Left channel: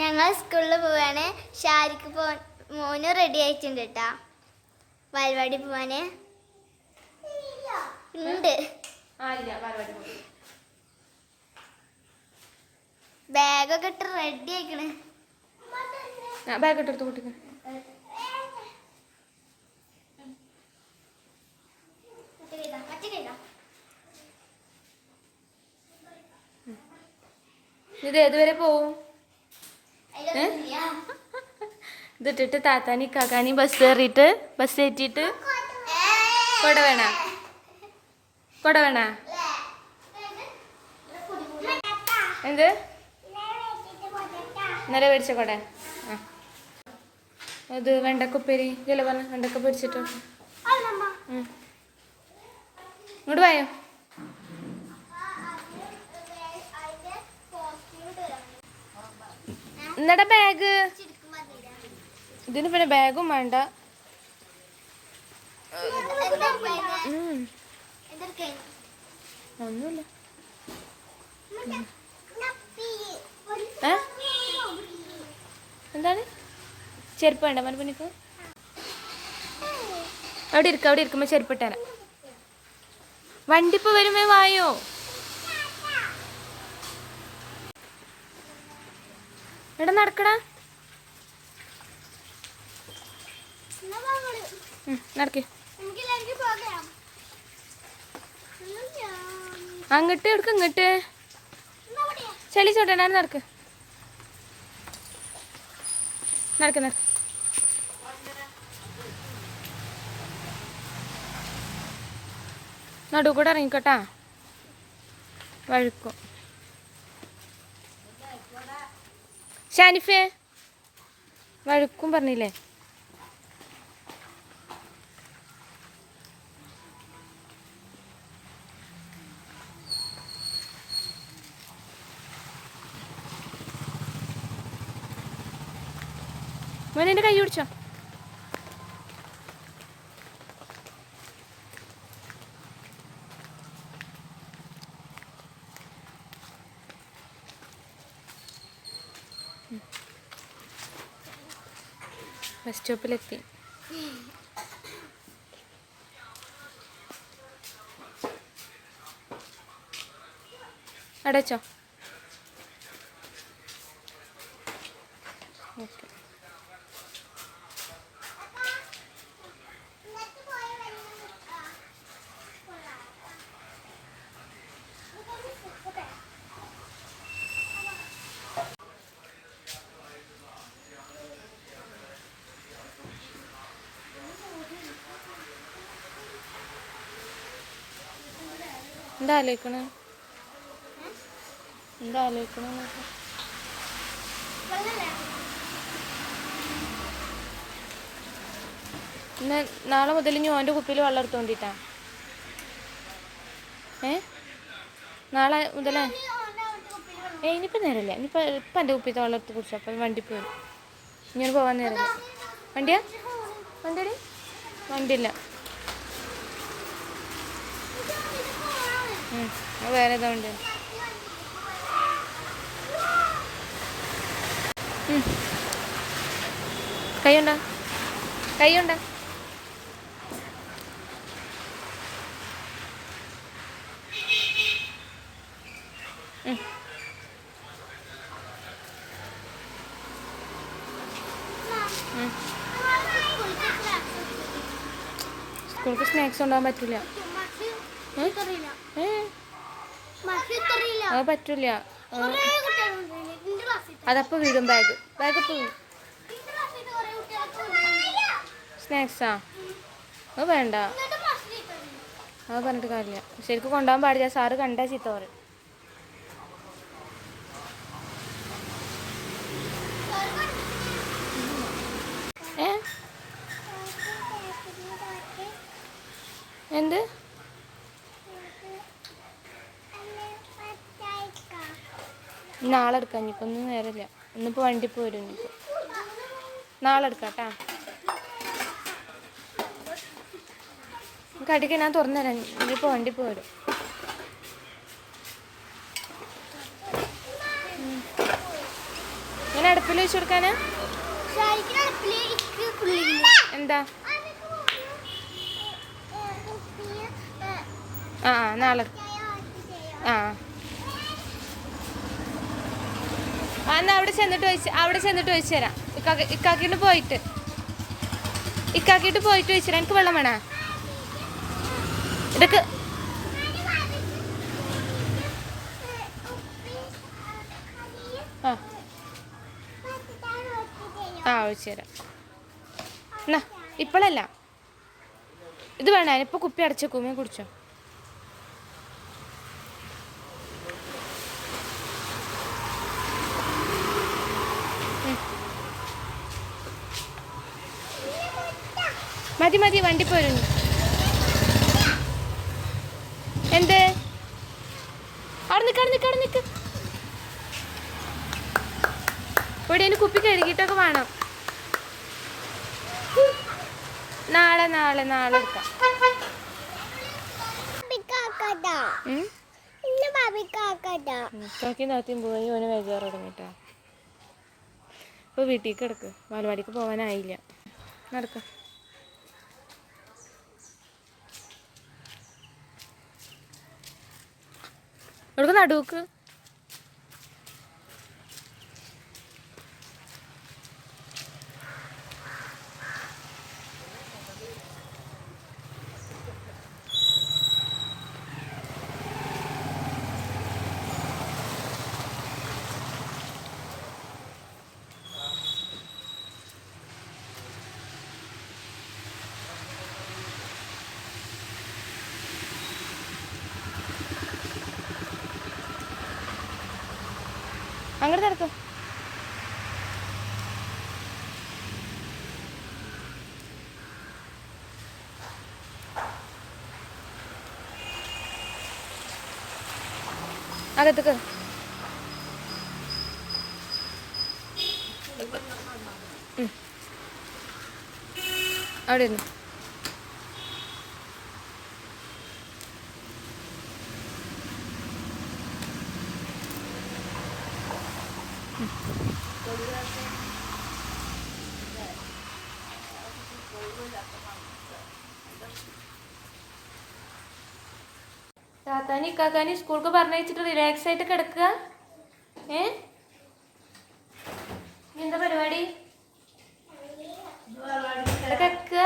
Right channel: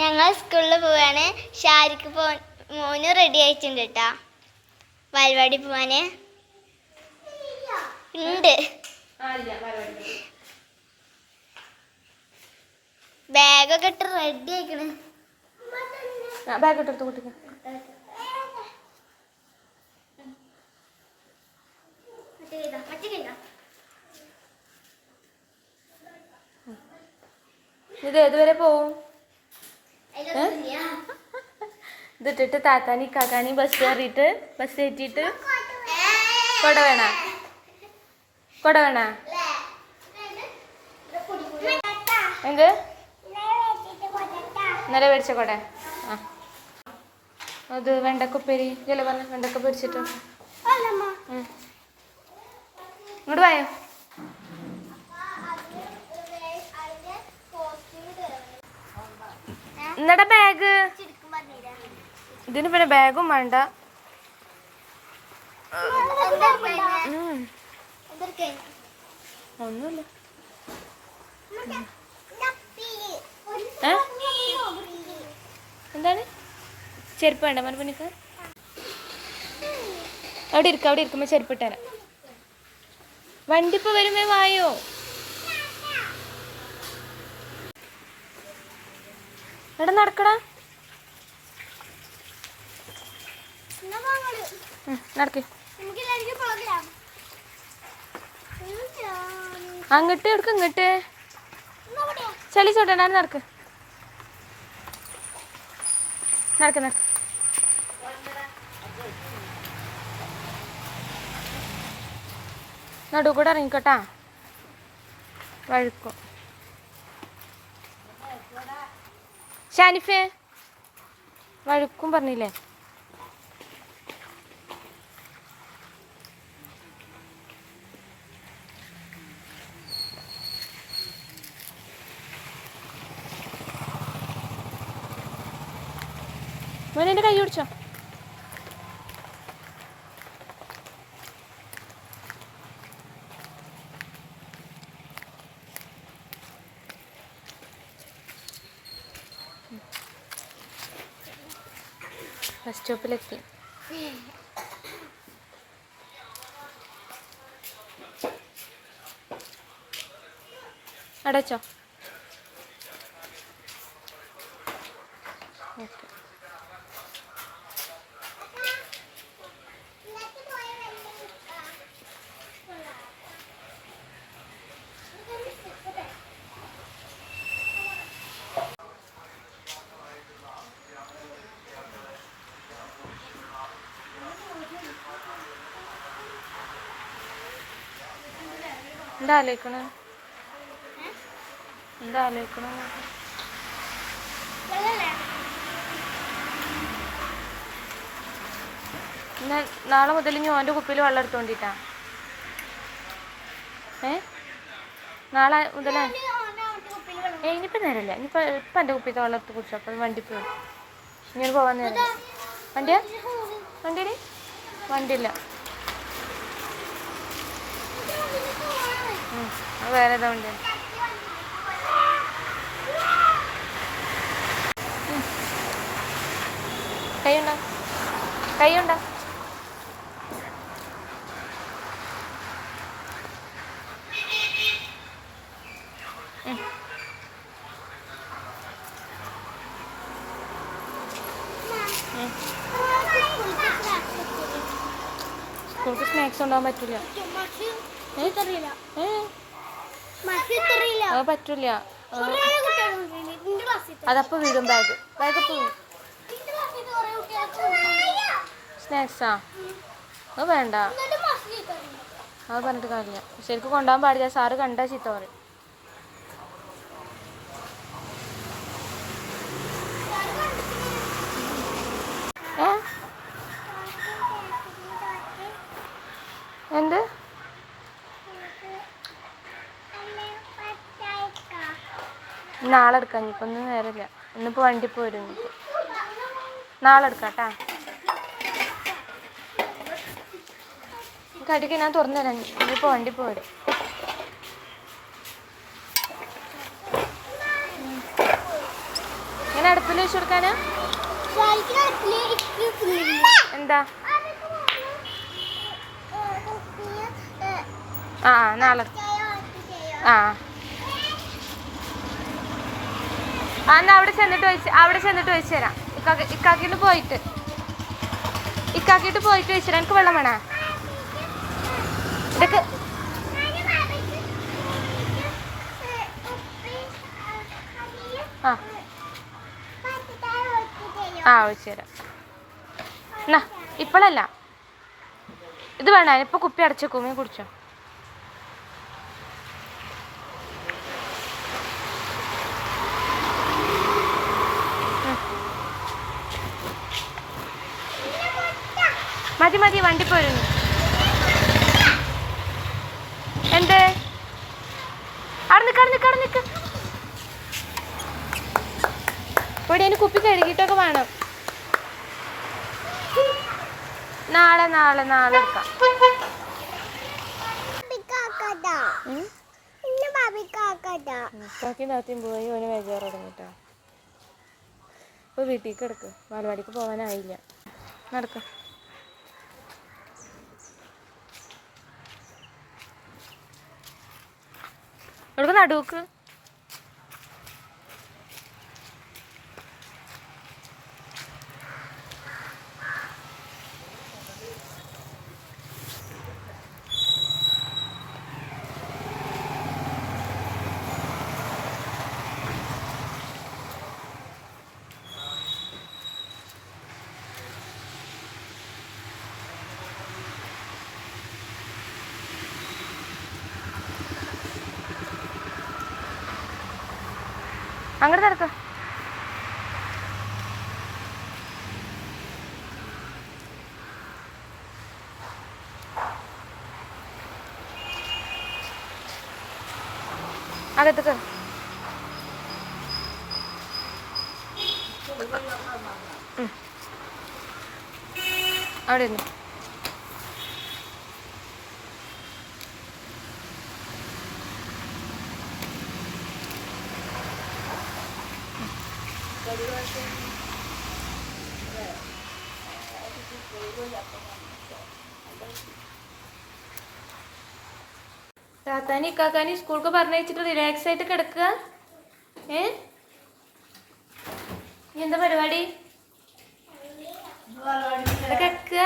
ഞങ്ങൾ സ്കൂളിൽ പോവാണ്. ഷാരിക്ക് പോ മോന് റെഡി ആയിട്ടുണ്ട് കേട്ടാ വാൽവാടി പോവാന്. ഉണ്ട്. ബാഗൊക്കെ ഇട്ട് റെഡി ആയിക്കണ്. ബാഗ് ഇട്ടെടുത്ത് കുട്ടിക്ക് ഇത് ഏതുവരെ പോവും? ഇതിട്ടിട്ട് താത്താനി കാക്കാനി ബസ് കയറിയിട്ട് ബസ് കയറ്റിയിട്ട് കൊട വേണ? കൊട വേണ? എന്ത്? ഇന്നലെ മേടിച്ച കൊട. ആ. അത് വെണ്ടക്കുപ്പേരി. ഇല്ല പറഞ്ഞു വെണ്ടക്ക പൊരിച്ചിട്ട്. ഇങ്ങോട്ട് വായോ? എന്നടാ ബാഗ് ഇതിന് പിന്നെ ബാഗും വേണ്ട. ഒന്നുമില്ല? എന്താണ്? ചെരുപ്പ് വേണ്ട മനപ്പനിക്ക് അവിടെ ഇരിക്ക അവിടെ ഇരിക്കുമ്പോ ചെരുപ്പ് ഇട്ടാല വണ്ടി ഇപ്പൊ വരുമ്പോ വായോ? എടാ നടക്കടാ. നടക്ക്. അങ്ങോട്ട് എടുക്ക ഇങ്ങോട്ട്. ചെളി ചോട്ടണ്ടാണ് നടക്ക്. നടക്ക് നടക്ക്. നടുക്കൂടെ കൂടെ ഇറങ്ങിക്കോട്ടാ. വഴുക്കും. ഷാനിഫേ വഴുക്കും പറഞ്ഞില്ലേ? മോനെ എന്റെ കൈ പിടിച്ചോ. ബസ് സ്റ്റോപ്പിലെത്തി അടച്ചോ. എന്താ ആലോചിക്കണ എന്താ ആലോചിക്കണ നാളെ മുതൽ ഇനി ഓന്റെ കുപ്പിയിൽ വെള്ളം എടുത്തോണ്ടിട്ടാ. ഏ? നാളെ മുതലേ ഏ ഇനിയിപ്പോൾ നേരമില്ല ഇനിയിപ്പോൾ ഇപ്പം എന്റെ കുപ്പിത്തെ വെള്ളം എടുത്ത് കുടിച്ചു. അപ്പോൾ വണ്ടി പോയി. ഇങ്ങനെ പോകാൻ നേരം വണ്ടിയാ? വണ്ടിയുടെ? വണ്ടിയില്ല ഉം, അത് വേറെ ഏതാ വണ്ടിയാണ് കൈയുണ്ടോ? കൈയുണ്ടോ. സ്കൂൾക്ക് സ്നാക്സ് കൊണ്ടുപോകാൻ പറ്റില്ല. അത് പറ്റില്ല അതപ്പോ വീടും. ബാഗ് ബാഗ് പോവും സ്നാക്സാ അത് വേണ്ട. അത് പറഞ്ഞിട്ട് കാര്യമില്ല. ശരിക്കും കൊണ്ടുപോകാൻ പാടില്ല. സാറ് കണ്ടാ ചീത്ത പറയും ആ എന്ത് നാളെ എടുക്കാം ഇനിയിപ്പോൾ ഒന്നും നേരമില്ല. ഇന്നിപ്പോൾ വണ്ടി പോരും ഇനിയിപ്പോൾ നാളെ എടുക്കാം കേട്ടാ കടിക്ക് ഞാൻ തുറന്നു ഇനിയിപ്പോൾ വണ്ടി പോരും ഞാൻ അടുപ്പിൽ വെച്ച് കൊടുക്കാനാ? എന്താ? ആ, നാളെ ആ ആ എന്നാ അവിടെ ചെന്നിട്ട് വെച്ച് അവിടെ ചെന്നിട്ട് വെച്ച് തരാം. ഇക്കാക്കി ഇക്കാക്കിട്ട് പോയിട്ട്. ഇക്കാക്കിട്ട് പോയിട്ട് വെച്ചു എനിക്ക് വെള്ളം വേണേ. ഇതൊക്കെ ആ. ആ ഒഴിച്ചു തരാം. എന്നാ ഇപ്പോഴല്ല ഇത് വേണ്ട ഇപ്പൊ കുപ്പി അടച്ചേക്കുമേ കുടിച്ചോ. മതി വണ്ടി പോരുന്നു. എന്ത്? അവിടെ നിൽക്ക് അവിടെ നിൽക്ക് അവിടെ നിൽക്ക് ഇവിടെ അതിന് കുപ്പി കഴുകിയിട്ടൊക്കെ വേണം. നാളെ നാളെ നാളെ എടുക്കാം. നാത്തിയും പോയി ഓന് തുടങ്ങിട്ടാ വീട്ടിലേക്ക് പോകാനായില്ല നടക്ക. എടുക്ക നടുക്ക് അങ്ങോട്ട് നടക്ക. അകത്തേക്ക്. അവിടെ ഇരുന്നു. താത്താനി ഇക്കാക്കാനി സ്കൂൾക്ക് പറഞ്ഞയച്ചിട്ട് റിലാക്സ് ആയിട്ട് കിടക്കുക. ഏ? എന്താ പരിപാടി? കിടക്കുക